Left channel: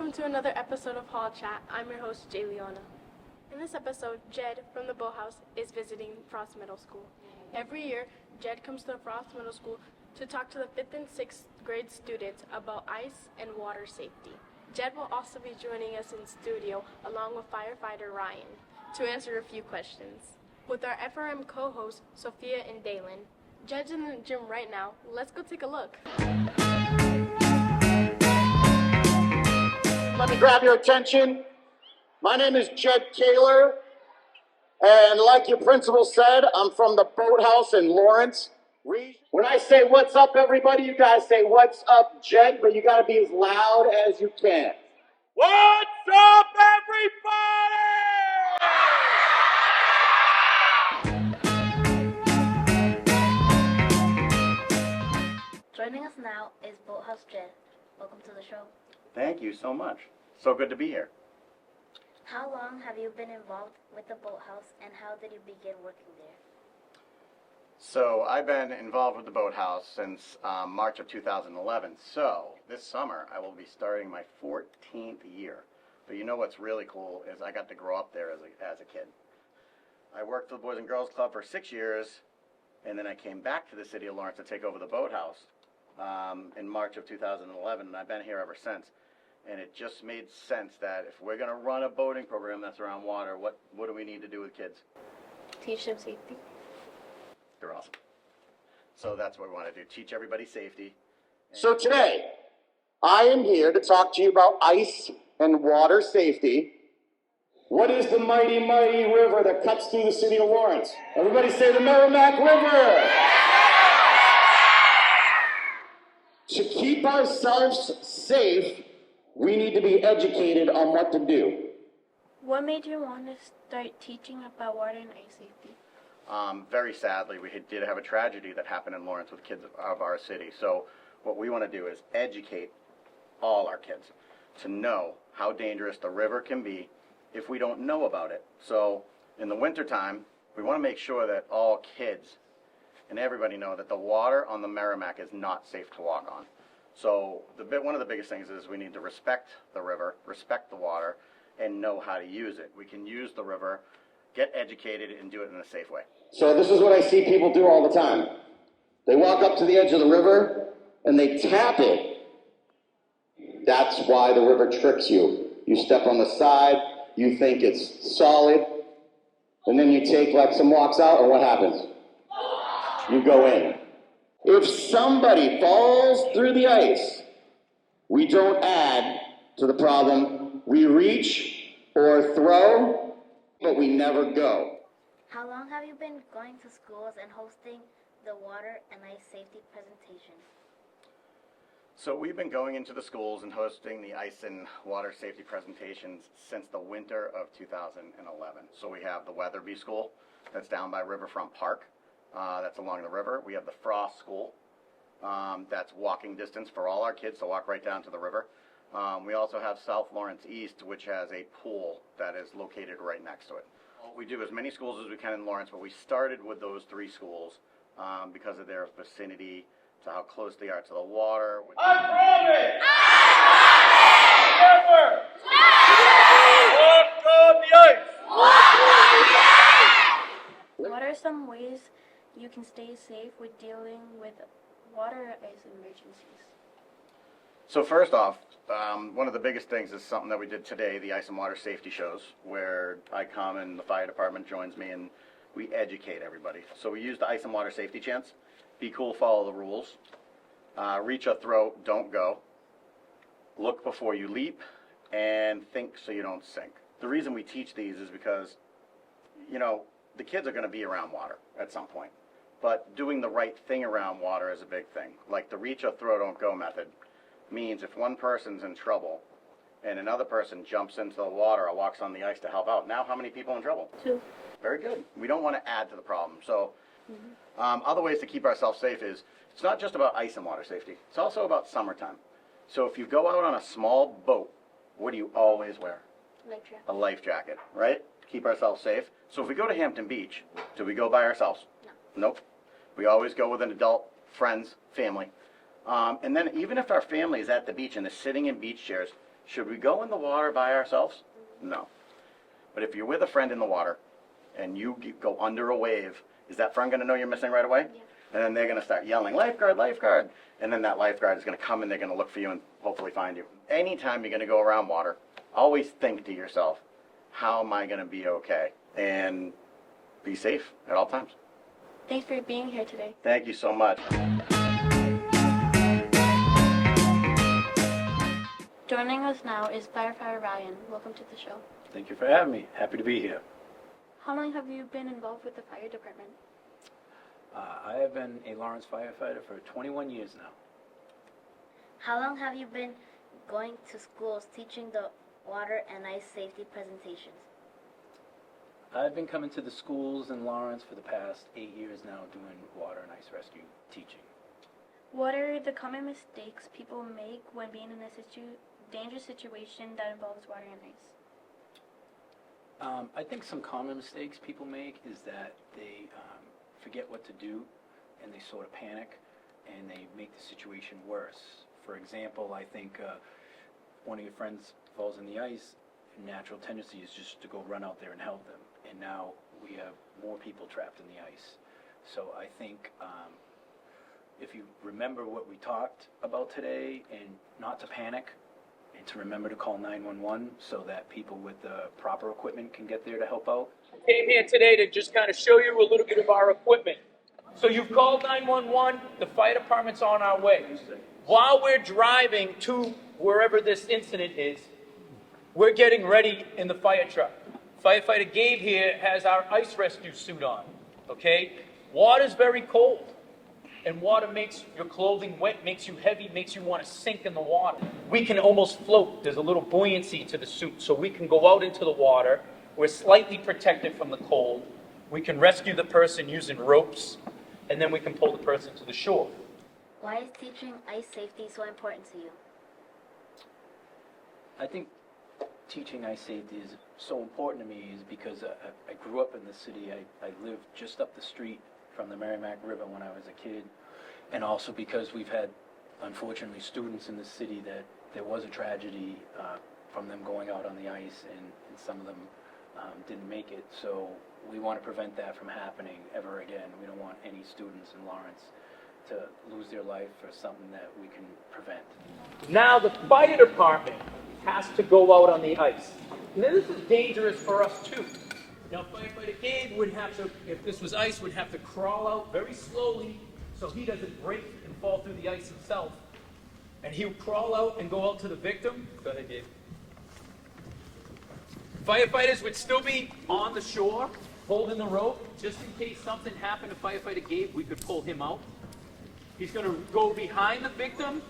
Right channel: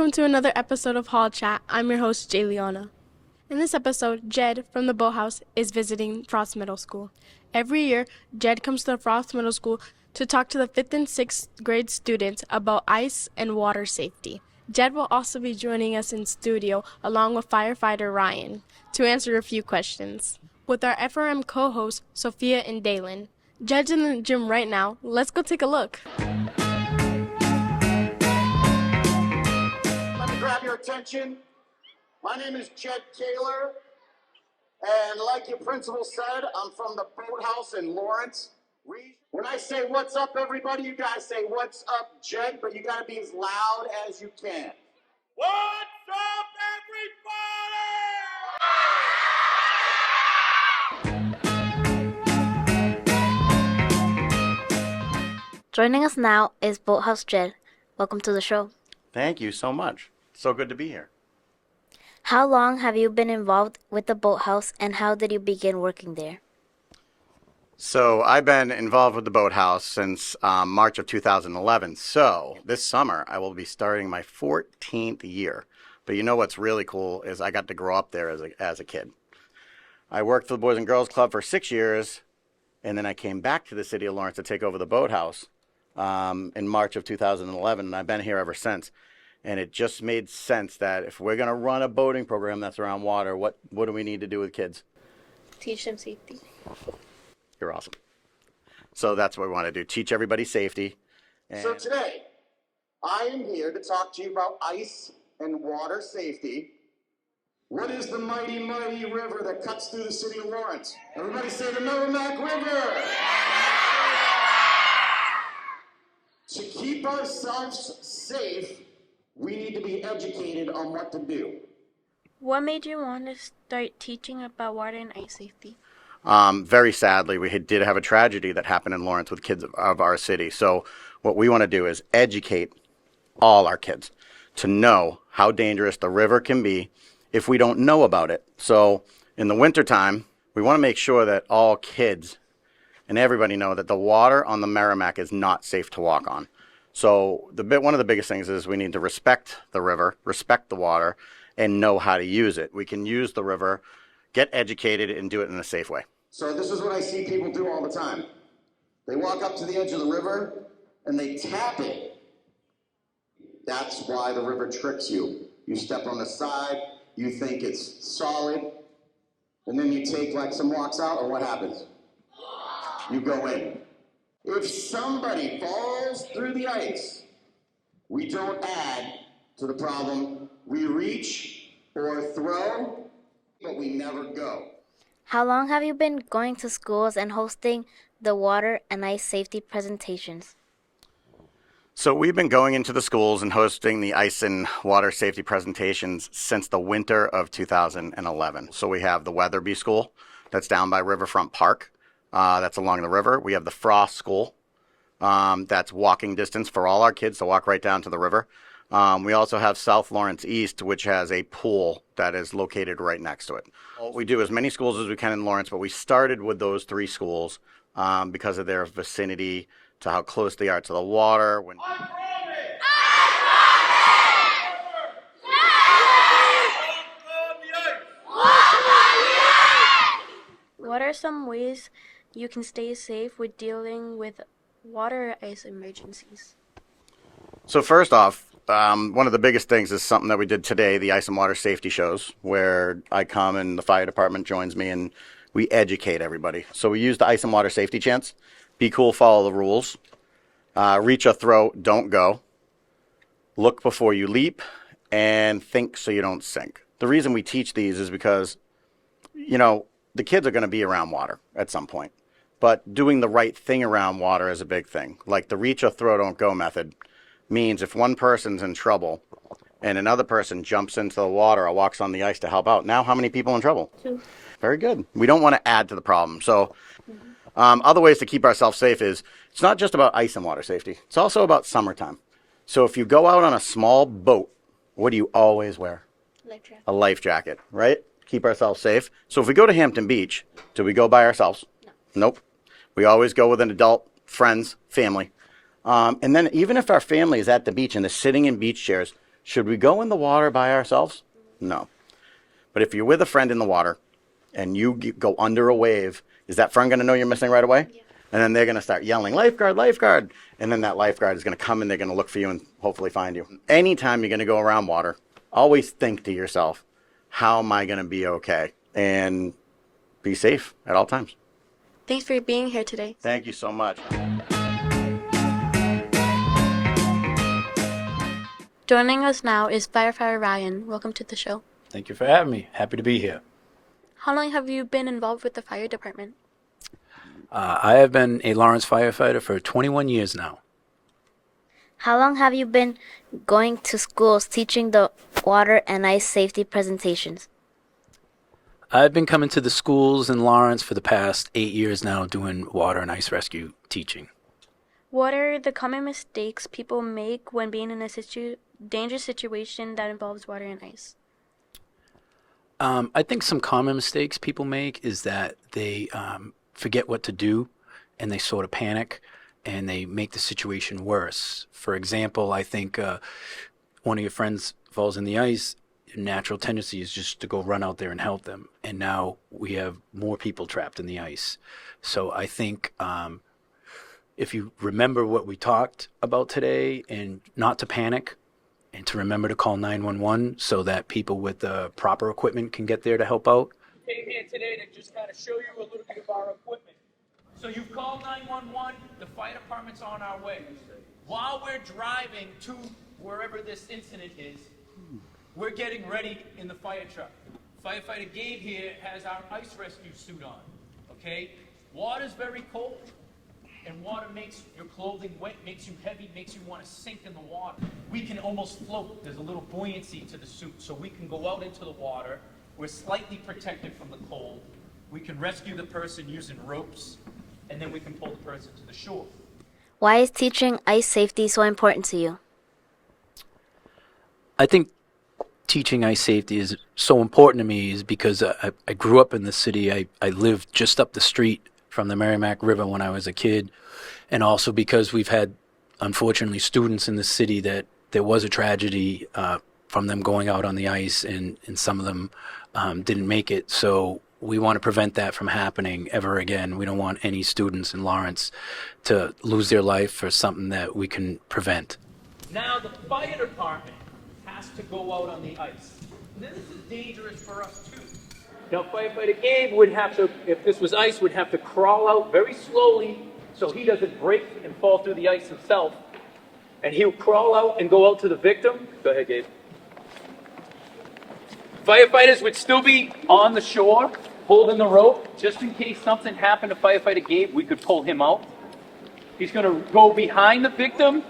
Welcome to another episode of Hall Chat. I'm your host, Jay Leona. In this episode, Jed from the Boathouse is visiting Frost Middle School. Every year, Jed comes to Frost Middle School to talk to the 5th and 6th grade students about ice and water safety. Jed will also be joining us in studio along with firefighter Ryan to answer a few questions. With our FRM co-hosts, Sophia and Dalen. Jed's in the gym right now. Let's go take a look. Let me grab your attention. My name is Jed Taylor, and like your principal said, I'm from the Boathouse in Lawrence region. When I say what's up, everybody, you guys say what's up, Jed, but you gotta be as loud as you can. What's up, everybody? Joining us now is Boathouse Jed. Welcome to the show. Thank you so much. So good to be here. How long have you been involved with the Boathouse, and how did you begin working there? So I've been involved with the Boathouse since March of 2011. So this summer I will be starting my 14th year. But you know what's really cool is I got to grow up there as a kid. I worked for the Boys and Girls Club for 6 years, and then I came back to the city of Lawrence to take over the Boathouse in March of 2011, and I've been here ever since. And it just made sense that if we're going to run a boating program that's around water, what do we need to do with kids? Teach them safety. You're awesome. So that's what we want to do, teach everybody safety. So today, I am here to talk to you about ice and water safety. What is the mighty, mighty river that cuts through the city of Lawrence? Everybody say the Merrimack River. To keep ourselves safe, we need to be educated on what to do. What made you want to start teaching about water and ice safety? Very sadly, we did have a tragedy that happened in Lawrence with kids of our city. So what we want to do is educate all our kids to know how dangerous the river can be if we don't know about it. So in the wintertime, we want to make sure that all kids and everybody know that the water on the Merrimack is not safe to walk on. So one of the biggest things is we need to respect the river, respect the water, and know how to use it. We can use the river, get educated, and do it in a safe way. So this is what I see people do all the time. They walk up to the edge of the river and they tap it. That's why the river tricks you. You step on the side, you think it's solid, and then you take like some walks out, and what happens? You go in. If somebody falls through the ice, we don't add to the problem. We reach or throw, but we never go. How long have you been going to schools and hosting the water and ice safety presentations? So we've been going into the schools and hosting the ice and water safety presentations since the winter of 2011. So we have the Weatherby School that's down by Riverfront Park. That's along the river. We have the Frost School. That's walking distance for all our kids to walk right down to the river. We also have South Lawrence East, which has a pool that is located right next to it. We do as many schools as we can in Lawrence, but we started with those 3 schools because of their vicinity to how close they are to the water. I promise! Never! Walk on the ice! What are some ways you can stay safe with dealing with water or ice emergencies? So first off, one of the biggest things is something that we did today, the ice and water safety shows, where I come and the fire department joins me and we educate everybody. So we use the ice and water safety chants. Be cool, follow the rules. Reach or throw, don't go. Look before you leap, and think so you don't sink. The reason we teach these is because, you know, the kids are going to be around water at some point. But doing the right thing around water is a big thing. Like the reach or throw, don't go method means if one person's in trouble and another person jumps into the water or walks on the ice to help out, now how many people in trouble? 2. Very good. We don't want to add to the problem. So other ways to keep ourselves safe is it's not just about ice and water safety. It's also about summertime. So if you go out on a small boat, what do you always wear? A life jacket, right? Keep ourselves safe. So if we go to Hampton Beach, do we go by ourselves? No. Nope. We always go with an adult, friends, family. And then even if our family is at the beach and they're sitting in beach chairs, Should we go in the water by ourselves? No. But if you're with a friend in the water and you go under a wave, is that friend going to know you're missing right away? Yeah. And then they're going to start yelling, lifeguard, lifeguard. And then that lifeguard is going to come and they're going to look for you and hopefully find you. Anytime you're going to go around water, always think to yourself, how am I going to be okay? And be safe at all times. Thanks for being here today. Thank you so much. Joining us now is Firefighter Ryan. Welcome to the show. Thank you for having me. Happy to be here. How long have you been involved with the fire department? I have been a Lawrence firefighter for 21 years now. How long have you been going to schools teaching the water and ice safety presentations? I've been coming to the schools in Lawrence for the past 8 years now doing water and ice rescue teaching. What are the common mistakes people make when being in a dangerous situation that involves water and ice? I think some common mistakes people make is that they forget what to do and they sort of panic and they make the situation worse. For example, I think one of your friends falls in the ice, your natural tendency is just to go run out there and help them. And now we have more people trapped in the ice. So I think if you remember what we talked about today and not to panic and to remember to call 911 so that people with the proper equipment can get there to help out. Came here today to just kind of show you a little bit of our equipment. So you've called 911, the fire department's on our way. While we're driving to wherever this incident is, we're getting ready in the fire truck. Firefighter Gabe here has our ice rescue suit on, okay? Water's very cold, and water makes your clothing wet, makes you heavy, makes you want to sink in the water. We can almost float. There's a little buoyancy to the suit, so we can go out into the water. We're slightly protected from the cold. We can rescue the person using ropes, and then we can pull the person to the shore. Why is teaching ice safety so important to you? I think teaching ice safety is so important to me is because I grew up in the city. I lived just up the street from the Merrimack River when I was a kid, and also because we've had, unfortunately, students in the city that there was a tragedy from them going out on the ice, and some of them didn't make it. So we want to prevent that from happening ever again. We don't want any students in Lawrence to lose their life for something that we can prevent. Now the fire department has to go out on the ice. Now this is dangerous for us too. Now Firefighter Gabe would have to, if this was ice, would have to crawl out very slowly so he doesn't break and fall through the ice himself. And he would crawl out and go out to the victim. Go ahead, Gabe. Firefighters would still be on the shore, holding the rope, just in case something happened to Firefighter Gabe, we could pull him out. He's gonna go behind the victim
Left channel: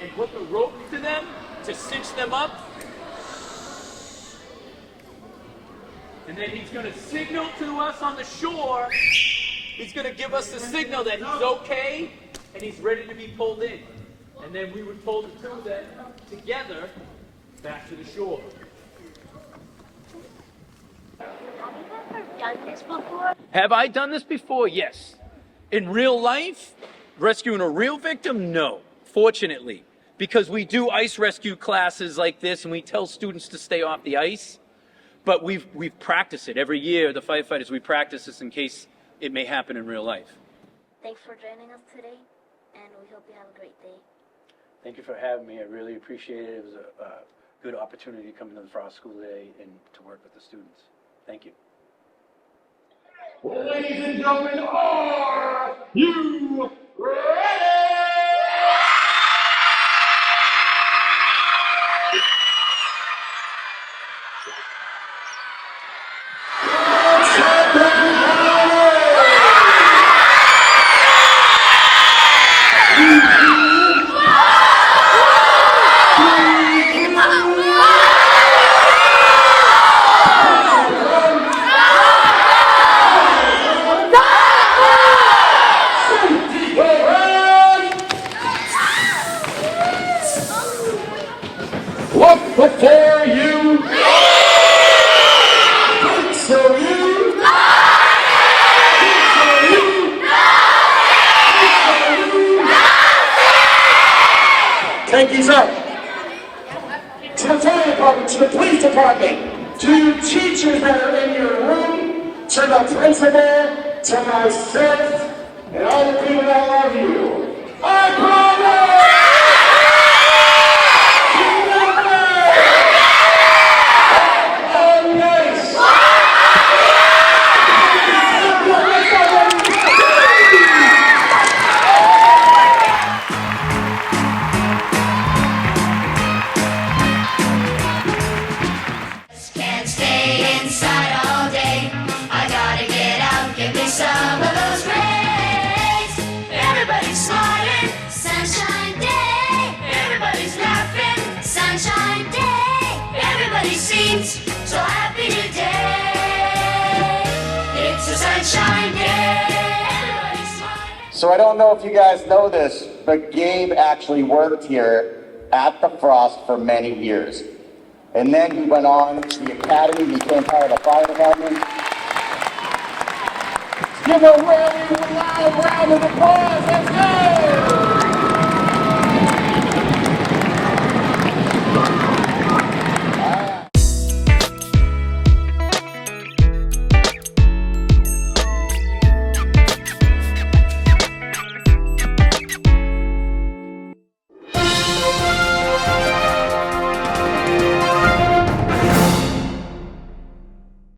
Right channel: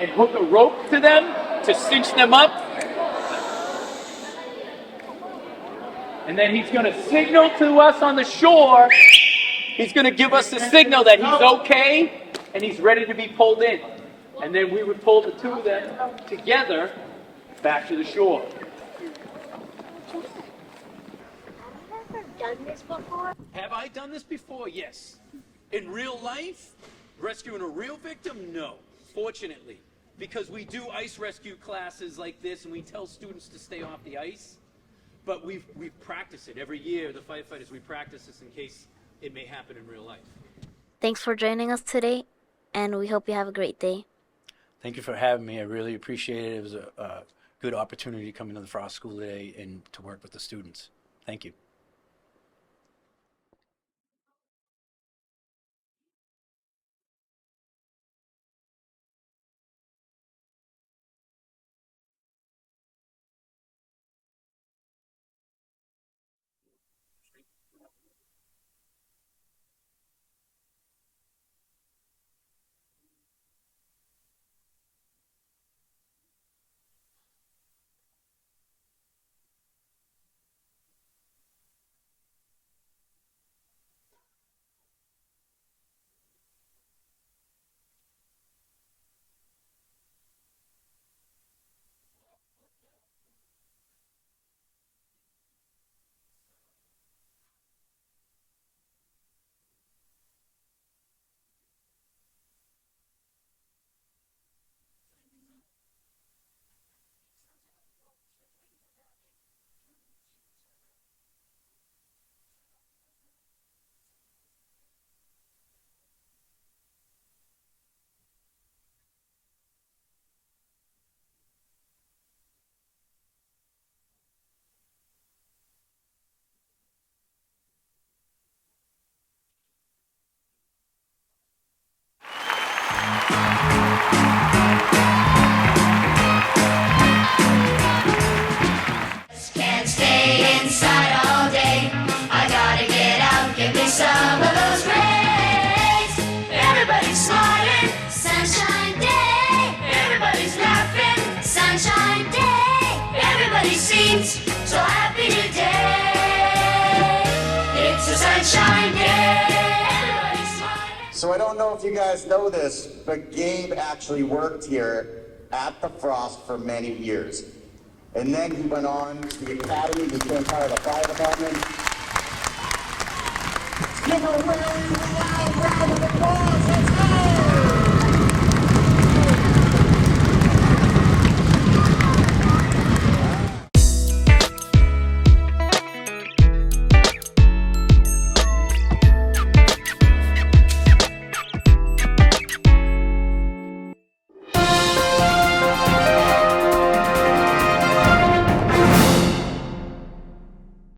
and hook a rope to them to cinch them up. And then he's gonna signal to us on the shore. He's gonna give us the signal that he's okay and he's ready to be pulled in. And then we would pull the two of them together back to the shore. Done this before? Have I done this before? Yes. In real life, rescuing a real victim? No, fortunately. Because we do ice rescue classes like this and we tell students to stay off the ice. But we've practiced it. Every year, the firefighters, we practice this in case it may happen in real life. Thanks for joining us today, and we hope you have a great day. Thank you for having me. I really appreciate it. It was a good opportunity to come into the Frost School today and to work with the students. Thank you. Ladies and gentlemen, are you ready? fire department, to the police department, to you teachers that are in your room, to the principal, to myself, and all the people that love you. I promise! Oh, yes! Can't stay inside all day. I gotta get out, give me some of those rays. Everybody's smiling, sunshine day. Everybody's laughing, sunshine day. Everybody seems so happy today. It's a sunshine day. Everybody's smiling. So I don't know if you guys know this, but Gabe actually worked here at the Frost for many years. And then he went on to the academy, became part of the fire department. Give a really loud round of applause.